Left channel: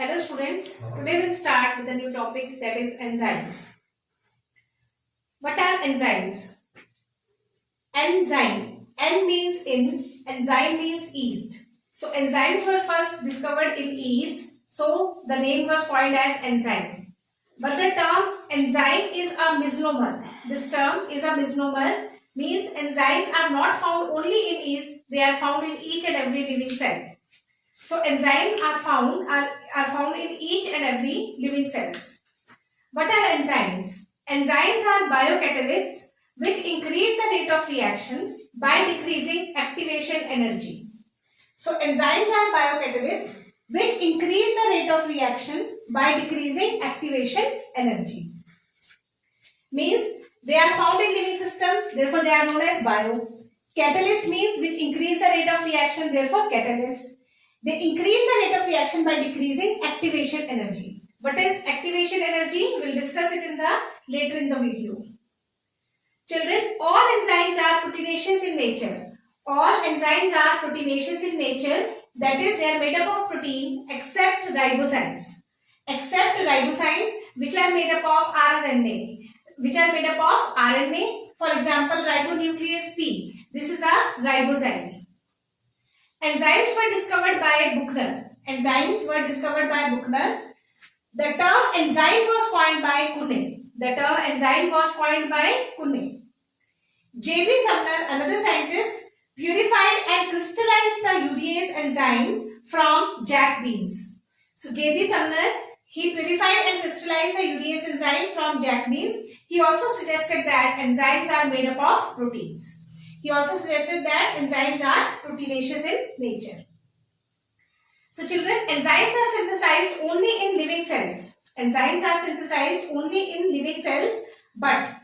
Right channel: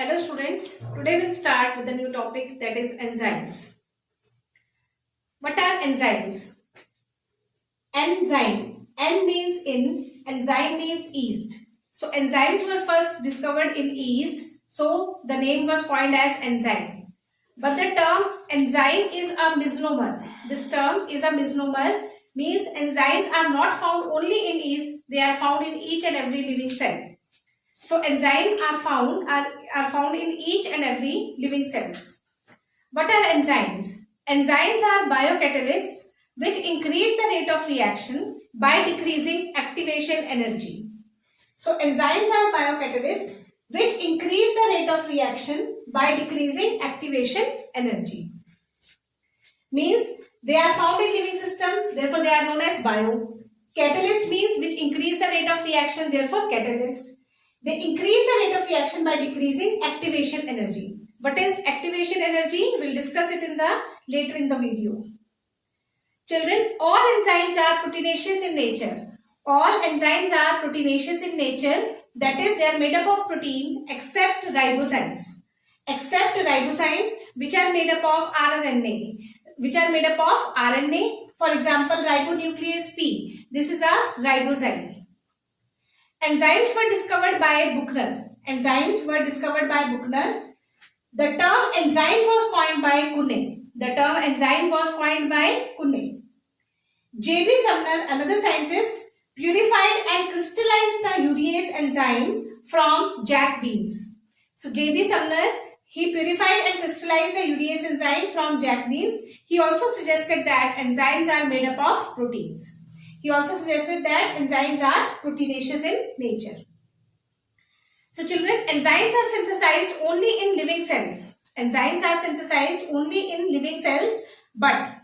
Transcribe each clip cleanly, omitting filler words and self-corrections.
Hello students, today we'll start with a new topic, that is enzymes. What are enzymes? Enzyme, N means in, enzyme means yeast. So enzymes were first discovered in yeast, so the name was coined as enzyme. But the term enzyme is a misnomer. This term is a misnomer, means enzymes are not found only in yeast, they are found in each and every living cell. So enzymes are found in each and every living cells. What are enzymes? Enzymes are biocatalysts which increase the rate of reaction by decreasing activation energy. So enzymes are biocatalysts which increase the rate of reaction by decreasing activation energy. Means they are found in living system, therefore they are known as bio. Catalyst means which increase the rate of reaction, therefore catalyst. They increase the rate of reaction by decreasing activation energy. What is activation energy? We'll discuss it later in the video. Children, all enzymes are proteinaceous in nature. All enzymes are proteinaceous in nature. That is, they are made up of protein except ribozymes. Except ribozymes which are made up of RNA. For example, ribonuclease P. This is a ribozyme. Enzymes were discovered by Buchner. The term enzyme was coined by Kuhne. J.B. Sumner, another scientist, purified and crystallized the urease enzyme from jack beans. So J.B. Sumner, he purified and crystallized the urease enzyme from jack beans. He also suggested that enzymes are made up of proteins. He also suggested that enzymes are proteinaceous in nature. So children, enzymes are synthesized only in living cells. But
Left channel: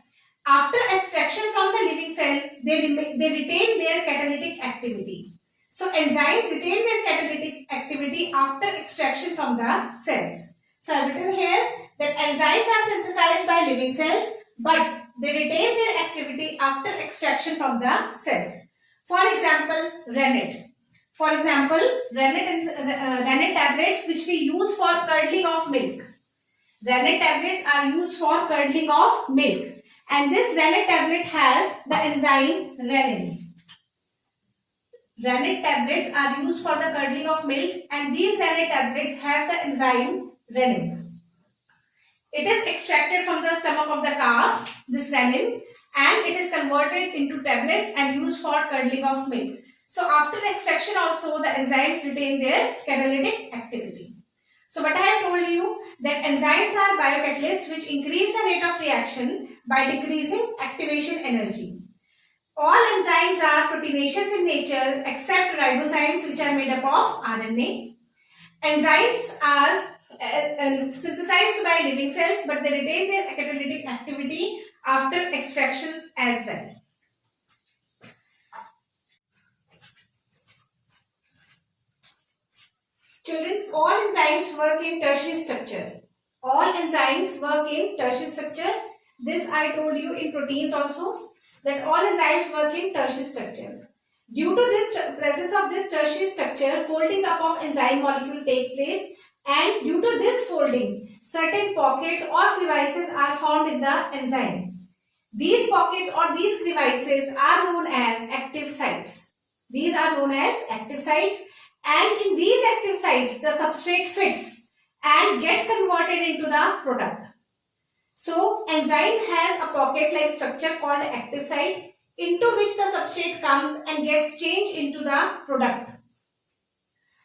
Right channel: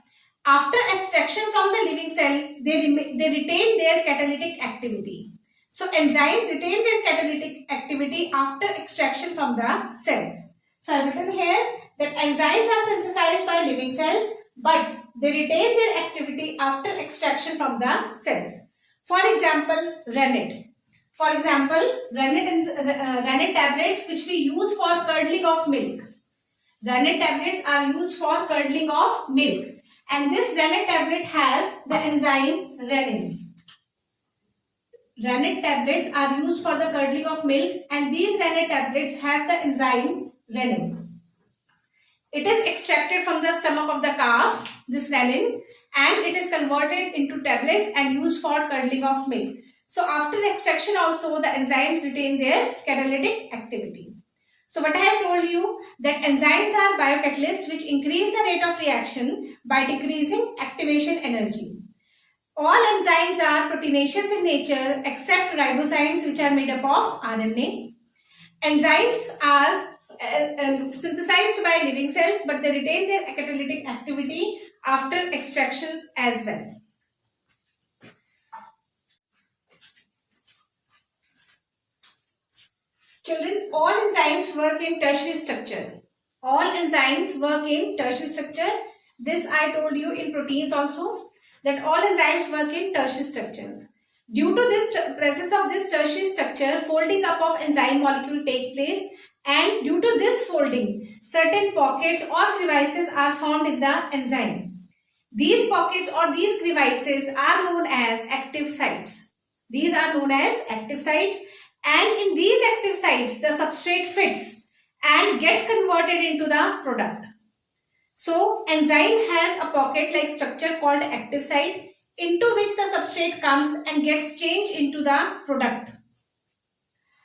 after extraction from the living cell, they retain their catalytic activity. So enzymes retain their catalytic activity after extraction from the cells. So I have written here that enzymes are synthesized by living cells, but they retain their activity after extraction from the cells. For example, rennet. Rennet tablets which we use for curdling of milk. Rennet tablets are used for curdling of milk. And this rennet tablet has the enzyme rennin. Rennet tablets are used for the curdling of milk, and these rennet tablets have the enzyme rennin. It is extracted from the stomach of the calf, this rennin, and it is converted into tablets and used for curdling of milk. So after extraction also, the enzymes retain their catalytic activity. So what I have told you, that enzymes are biocatalysts which increase the rate of reaction by decreasing activation energy. All enzymes are proteinaceous in nature except ribozymes which are made up of RNA. Enzymes are synthesized by living cells, but they retain their catalytic activity after extractions as well. Children, all enzymes work in tertiary structure. This I told you in proteins also, that all enzymes work in tertiary structure. Due to this presence of this tertiary structure, folding up of enzyme molecule take place, and due to this folding, certain pockets or crevices are found in the enzyme. These pockets or these crevices are known as active sites. And in these active sites, the substrate fits and gets converted into the product. So, enzyme has a pocket-like structure called active site, into which the substrate comes and gets changed into the product.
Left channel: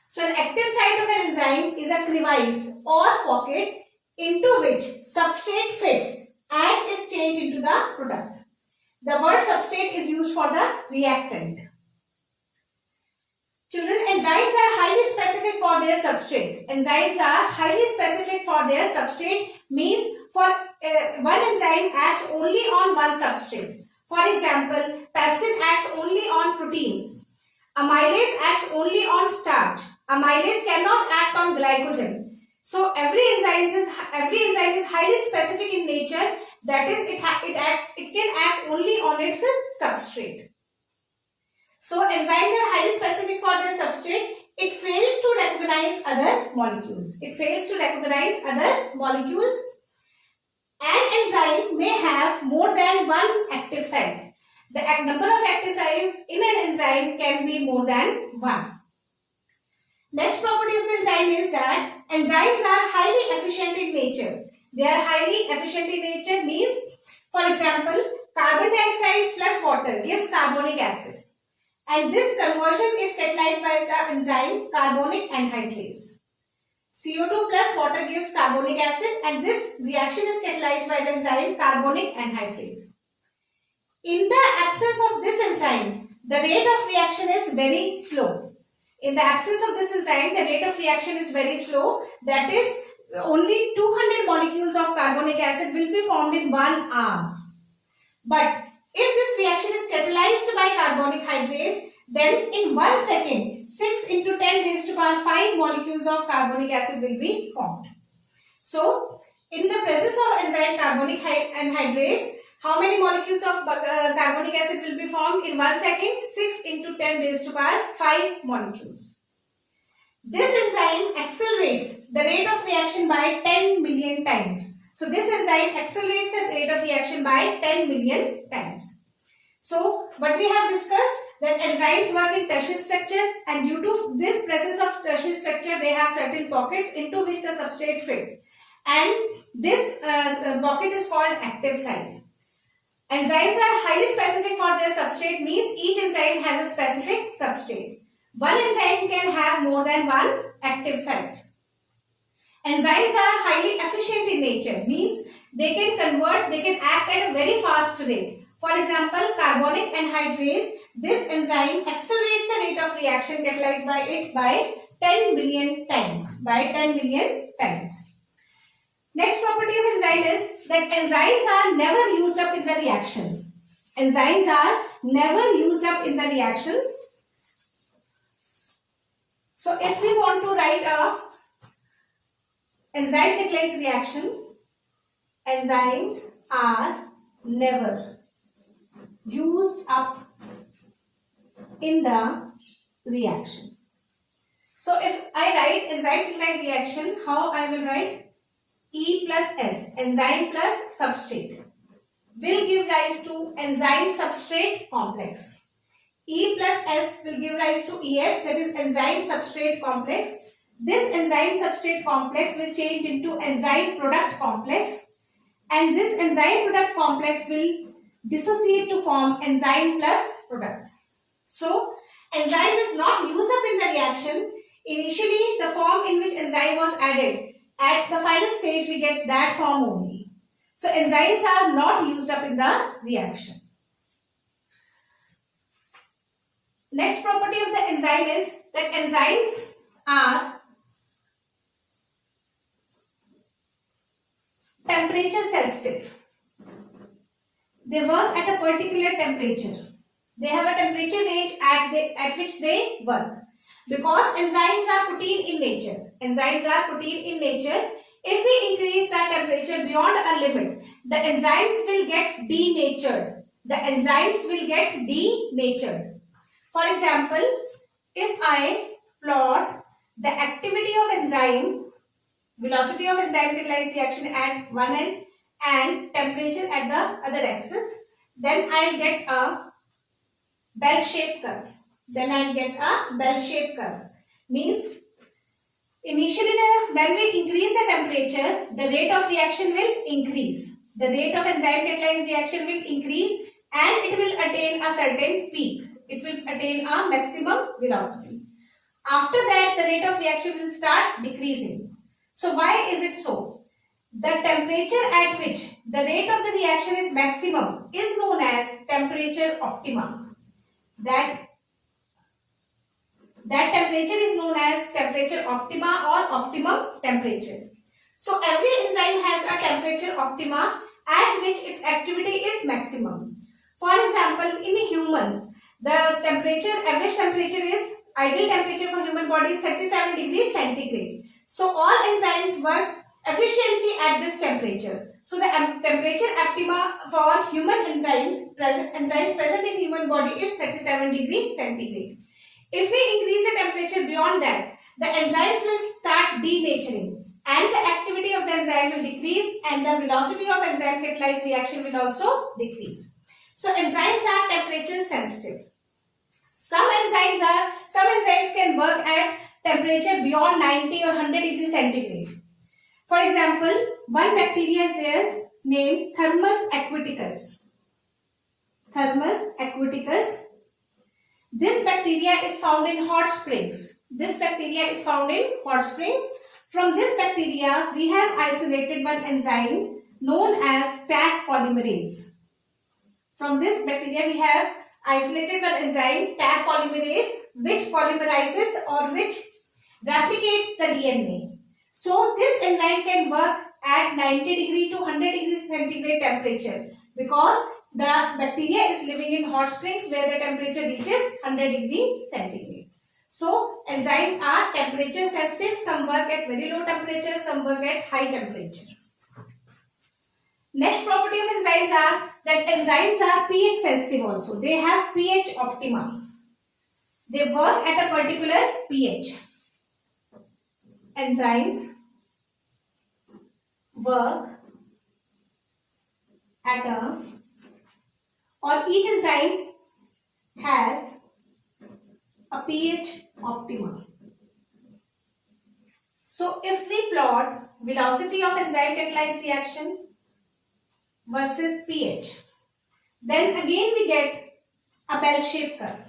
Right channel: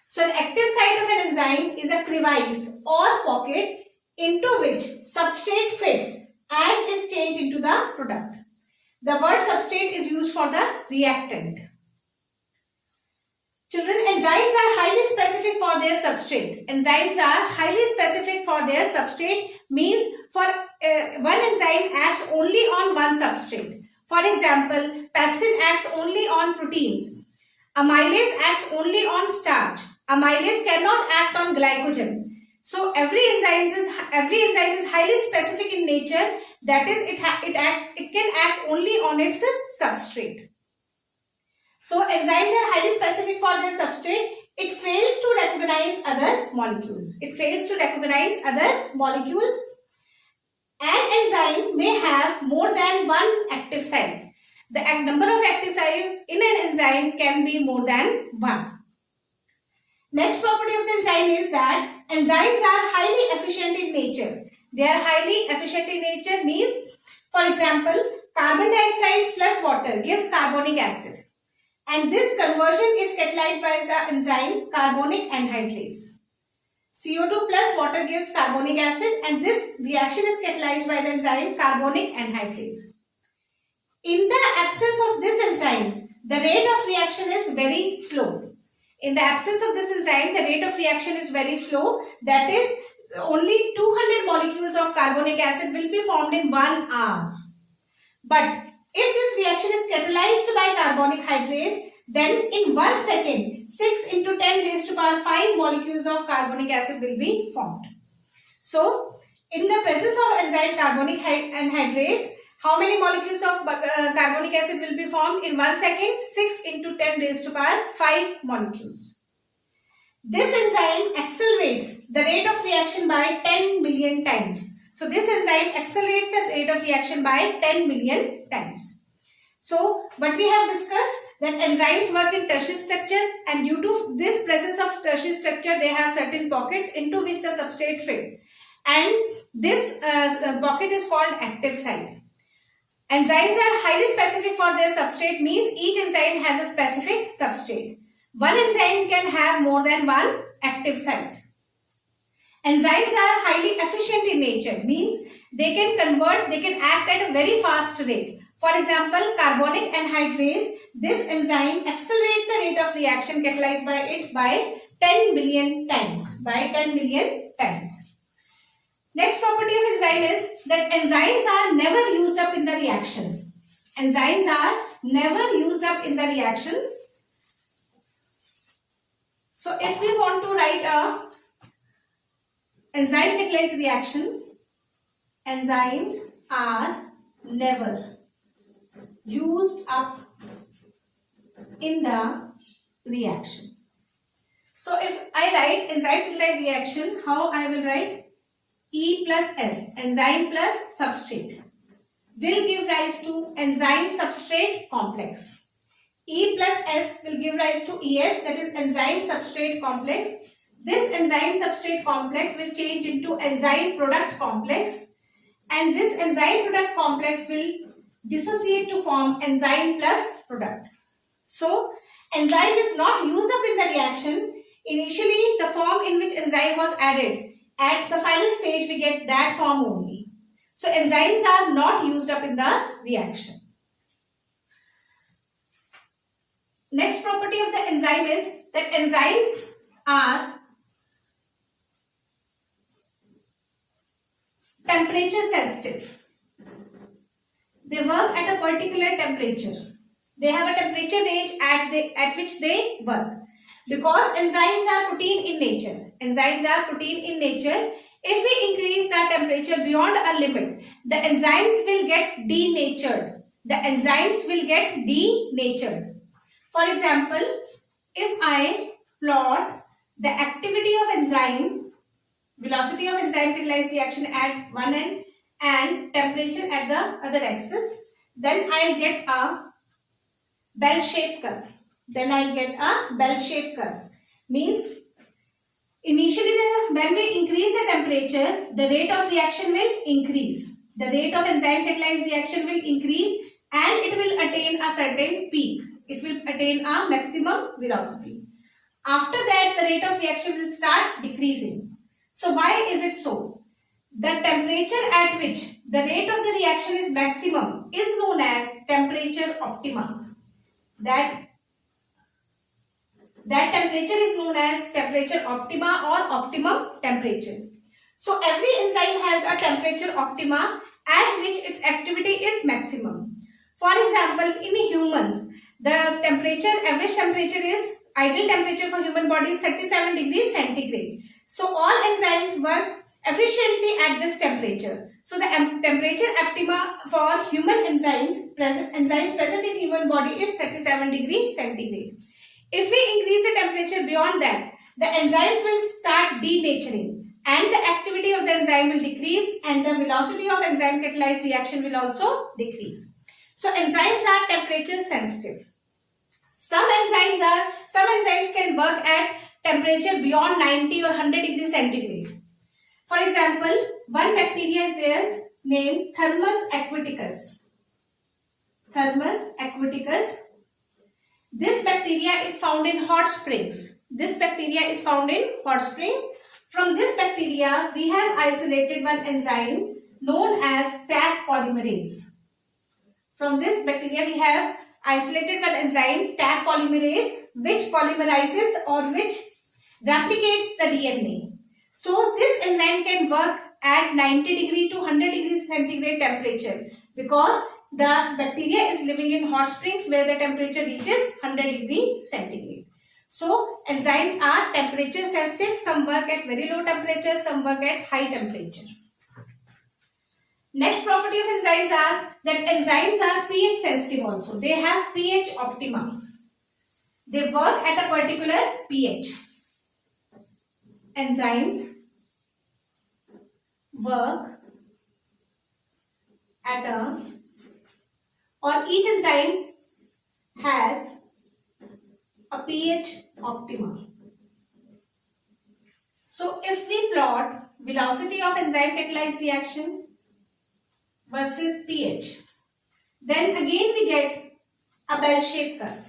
So, an active site of an enzyme is a crevice or pocket into which substrate fits and is changed into the product. The word substrate is used for the reactant. Children, enzymes are highly specific for their substrate. Means for one enzyme acts only on one substrate. For example, pepsin acts only on proteins. Amylase acts only on starch. Amylase cannot act on glycogen. So every enzyme is highly specific in nature. That is, it can act only on its substrate. So enzymes are highly specific for their substrate. it fails to recognize other molecules. It fails to recognize other molecules. An enzyme may have more than one active site. The number of active sites in an enzyme can be more than one. Next property of the enzyme is that enzymes are highly efficient in nature. They are highly efficient in nature means, for example, carbon dioxide plus water gives carbonic acid. And this conversion is catalyzed by the enzyme carbonic anhydrase. CO2 plus water gives carbonic acid and this reaction is catalyzed by the enzyme carbonic anhydrase. In the absence of this enzyme, the rate of reaction is very slow. In the absence of this enzyme, the rate of reaction is very slow. That is, only 200 molecules of carbonic acid will be formed in 1 hour. But if this reaction is catalyzed by carbonic hydrase, then in 1 second, 6 into 10 raised to power 5 molecules of carbonic acid will be formed. So, in the presence of enzyme carbonic anhydrase, how many molecules of carbonic acid will be formed in 1 second? 6 into 10 raised to power 5 molecules. This enzyme accelerates the rate of reaction by 10 million times. So, this enzyme accelerates the rate of reaction by 10 million times. So, what we have discussed, that enzymes work in tertiary structure and due to this presence of tertiary structure, they have certain pockets into which the substrate fit. And this pocket is called active site. Enzymes are highly specific for their substrate means each enzyme has a specific substrate. One enzyme can have more than one active site. Enzymes are highly efficient in nature means they can act at a very fast rate. For example, carbonic anhydrase, this enzyme accelerates the rate of reaction catalyzed by it by 10 billion times. Next property of enzyme is that enzymes are never used up in the reaction. Enzymes are never used up in the reaction. So, if we want to write a enzyme catalyzed reaction, enzymes are never used up in the reaction. So, if I write enzyme catalyzed reaction, how I will write? E plus S, enzyme plus substrate, will give rise to enzyme substrate complex. E plus S will give rise to ES, that is enzyme substrate complex. This enzyme substrate complex will change into enzyme product complex and this enzyme product complex will dissociate to form enzyme plus product. So, enzyme is not used up in the reaction. Initially, the form in which enzyme was added, at the final stage we get that form only. So, enzymes are not used up in the reaction. Next property of the enzyme is that enzymes are temperature sensitive. They work at a particular temperature. They have a temperature range at which they work. Because enzymes are protein in nature. Enzymes are protein in nature. If we increase the temperature beyond a limit, the enzymes will get denatured. The enzymes will get denatured. For example, if I plot the activity of enzyme, velocity of enzyme catalyzed reaction at one end and temperature at the other axis, then I'll get a bell-shaped curve. Means initially when we increase the temperature, the rate of reaction will increase. The rate of enzyme catalyzed reaction will increase and it will attain a certain peak. It will attain a maximum velocity. After that, the rate of reaction will start decreasing. So why is it so? The temperature at which the rate of the reaction is maximum is known as temperature optima. That temperature is known as temperature optima or optimum temperature. So every enzyme has a temperature optima at which its activity is maximum. For example, in humans, the average temperature is, ideal temperature for human body is 37 degrees centigrade. So all enzymes work efficiently at this temperature. So the temperature optima for human enzymes present in human body is 37 degrees centigrade. If we increase the temperature beyond that, the enzymes will start denaturing and the activity of the enzyme will decrease and the velocity of enzyme catalyzed reaction will also decrease. So enzymes are temperature sensitive. Some enzymes can work at temperature beyond 90 or 100 degrees centigrade. For example, one bacteria is there named Thermus aquaticus. Thermus aquaticus. This bacteria is found in hot springs. From this bacteria, we have isolated one enzyme known as Taq polymerase. From this bacteria, we have isolated one enzyme Taq polymerase, which polymerizes or which replicates the DNA. So this enzyme can work at 90 degree to 100 degrees centigrade temperature because the bacteria is living in hot springs where the temperature reaches 100 degree centigrade. So enzymes are temperature sensitive. Some work at very low temperature, some work at high temperature. Next property of enzymes are that enzymes are pH sensitive also. They have pH optima. They work at a particular pH. Enzymes work at a, or each enzyme has a pH optima. So if we plot velocity of enzyme catalyzed reaction versus pH, then again we get a bell-shaped curve.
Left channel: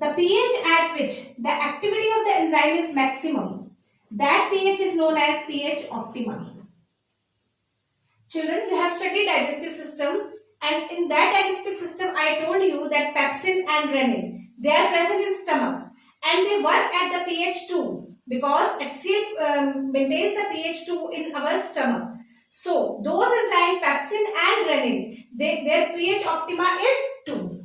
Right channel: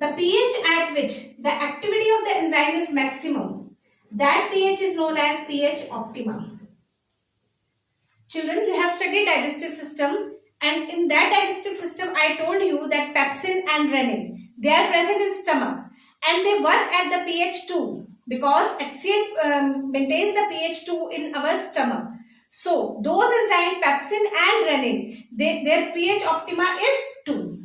The pH at which the activity of the enzyme is maximum, that pH is known as pH optima. Children, you have studied digestive system, and in that digestive system I told you that pepsin and renin, they are present in stomach and they work at the pH 2 because HCl maintains the pH 2 in our stomach. So those enzymes pepsin and renin, their pH optima is 2.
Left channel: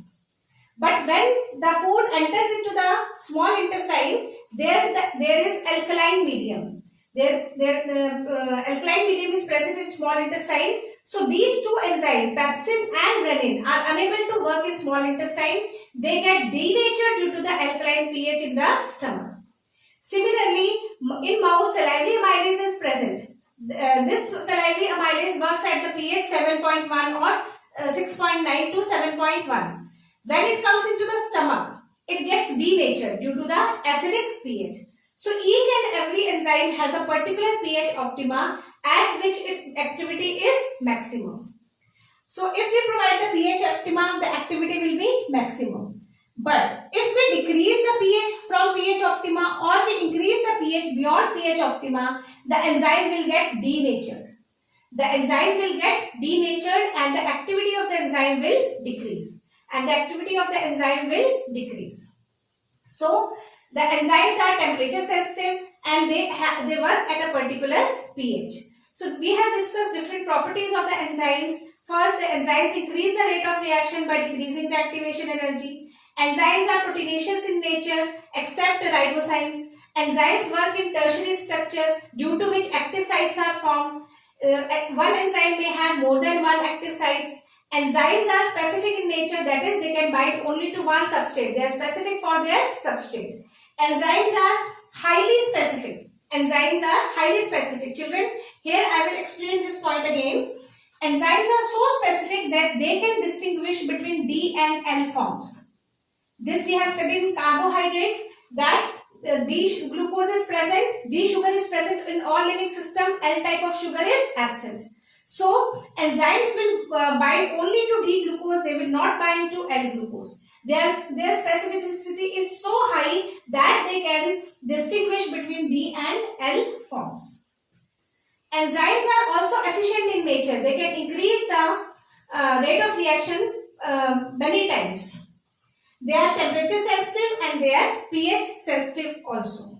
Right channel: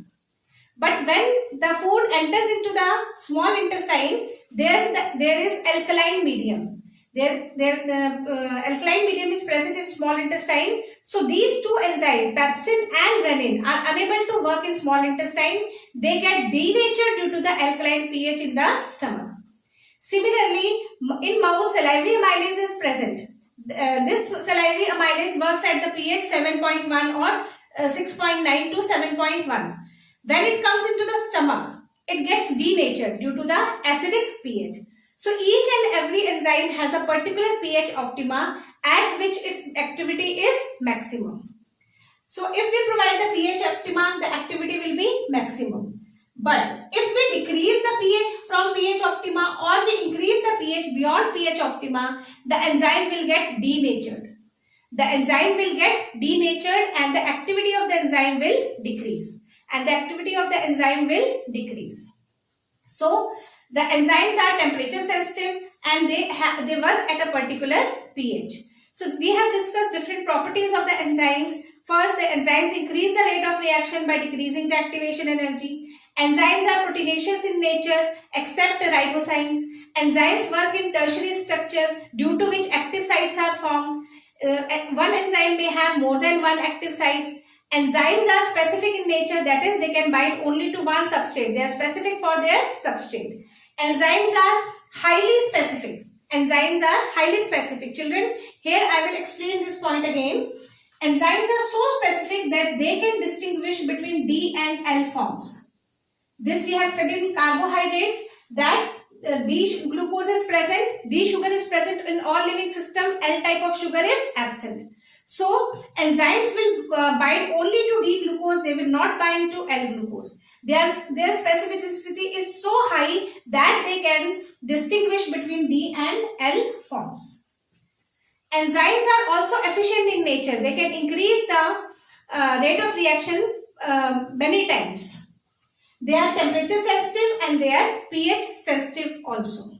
But when the food enters into the small intestine, there is alkaline medium. Alkaline medium is present in small intestine. So these two enzymes, pepsin and renin, are unable to work in small intestine. They get denatured due to the alkaline pH in the stomach. Similarly, in mouse, salivary amylase is present. This salivary amylase works at the pH 7.1 or 6.9 to 7.1. When it comes into the stomach, it gets denatured due to the acidic pH. So each and every enzyme has a particular pH optima at which its activity is maximum. So if we provide the pH optima, the activity will be maximum. But if we decrease the pH from pH optima or we increase the pH beyond pH optima, the enzyme will get denatured. And the activity of the enzyme will decrease. So the enzymes are temperature sensitive and they work at a particular pH. So we have discussed different properties of the enzymes. First, the enzymes increase the rate of reaction by decreasing the activation energy. Enzymes are proteinaceous in nature except ribozymes. Enzymes work in tertiary structure due to which active sites are formed. One enzyme may have more than one active sites. Enzymes are specific in nature, that is, they can bind only to one substrate. They are specific for their substrate. Enzymes are highly specific. Children, here I will explain this point again. Enzymes are so specific that they can distinguish between D and L forms. This we have studied in carbohydrates, that D glucose is present, D sugar is present in all living system, L type of sugar is absent. So enzymes will bind only to D glucose, they will not bind to L glucose. Their specificity is so high that they can distinguish between D and L forms. Enzymes are also efficient in nature. They can increase the rate of reaction many times. They are temperature sensitive and they are pH sensitive also.